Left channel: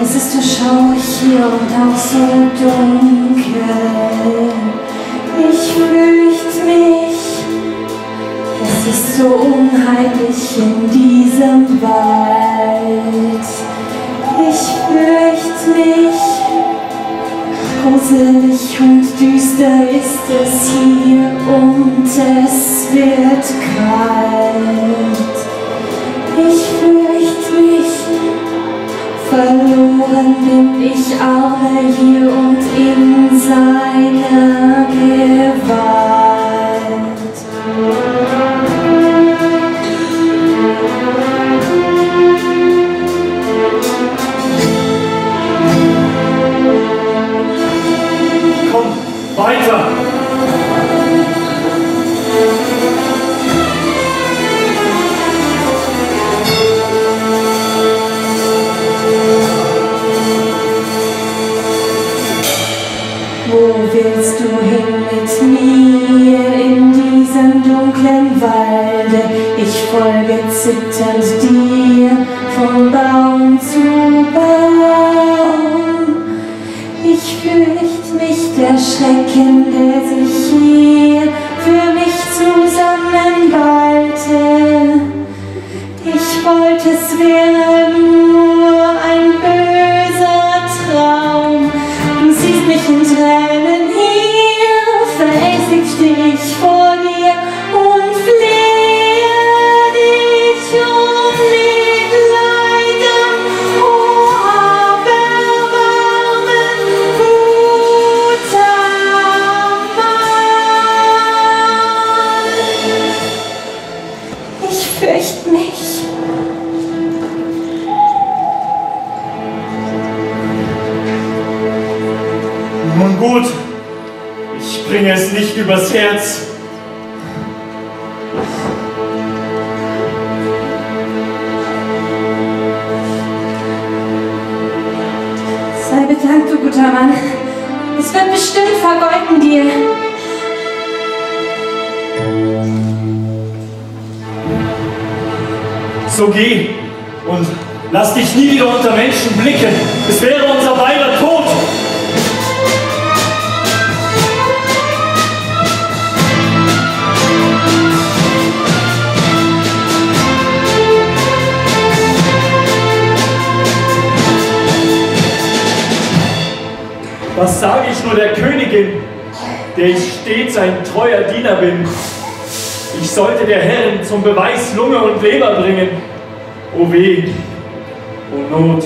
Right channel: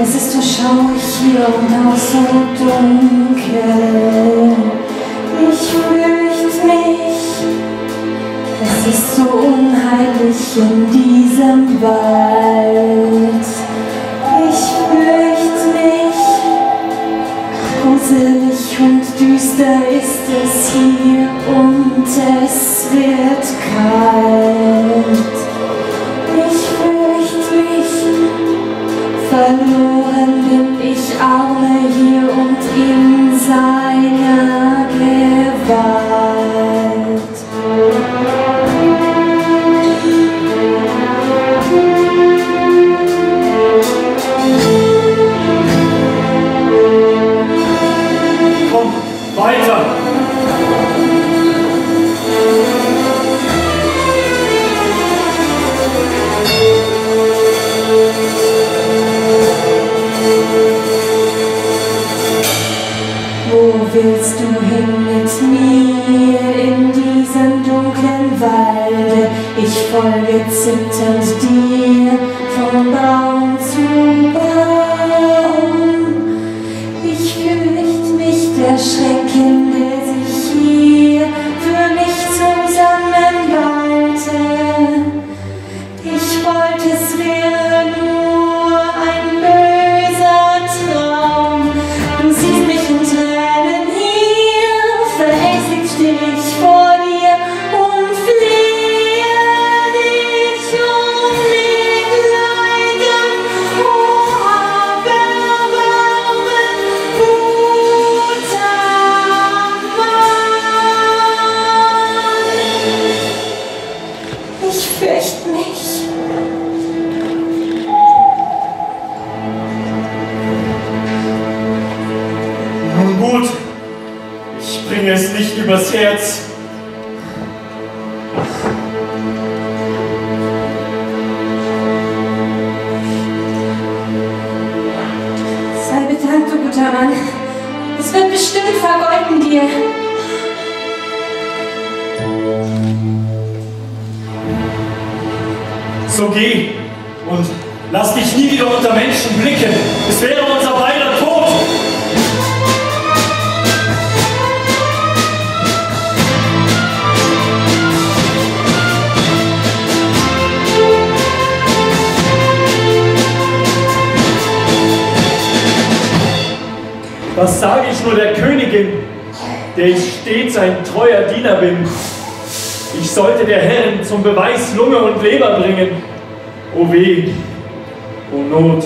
Es ist so schaurig hier und auch so dunkel. Ich fürchte mich, es ist so unheimlich in diesem Wald. Ich fürchte mich, gruselig und düster ist es hier und es wird kalt. Ich fürchte mich, verloren bin ich arme hier und in seiner Gewalt. Komm, weiter! Wo willst du hin mit mir in diesem dunklen Walde? Ich folge zitternd dir von Baum zu Baum. Ich fürchte mich der Schrecken, der sich hier für mich zusammenballte. Ich wollte, es wäre nur ein böser Traum. Du siehst mich in Tränen hier, verängstigt steh ich vor dir und flehe dich um Mitleiden. Oh, aber warmen, guter Mann. Ich fürchte mich. Nun gut, ich bringe es nicht übers Herz. Sei bedankt, du guter Mann. Es wird bestimmt vergolten dir. So geh und lass dich nie wieder unter Menschen blicken. Es wäre unser beider Tod. Was sage ich nur der Königin, der ich stets ein treuer Diener bin? Ich sollte der Herrin zum Beweis Lunge und Leber bringen. O weh, o Not.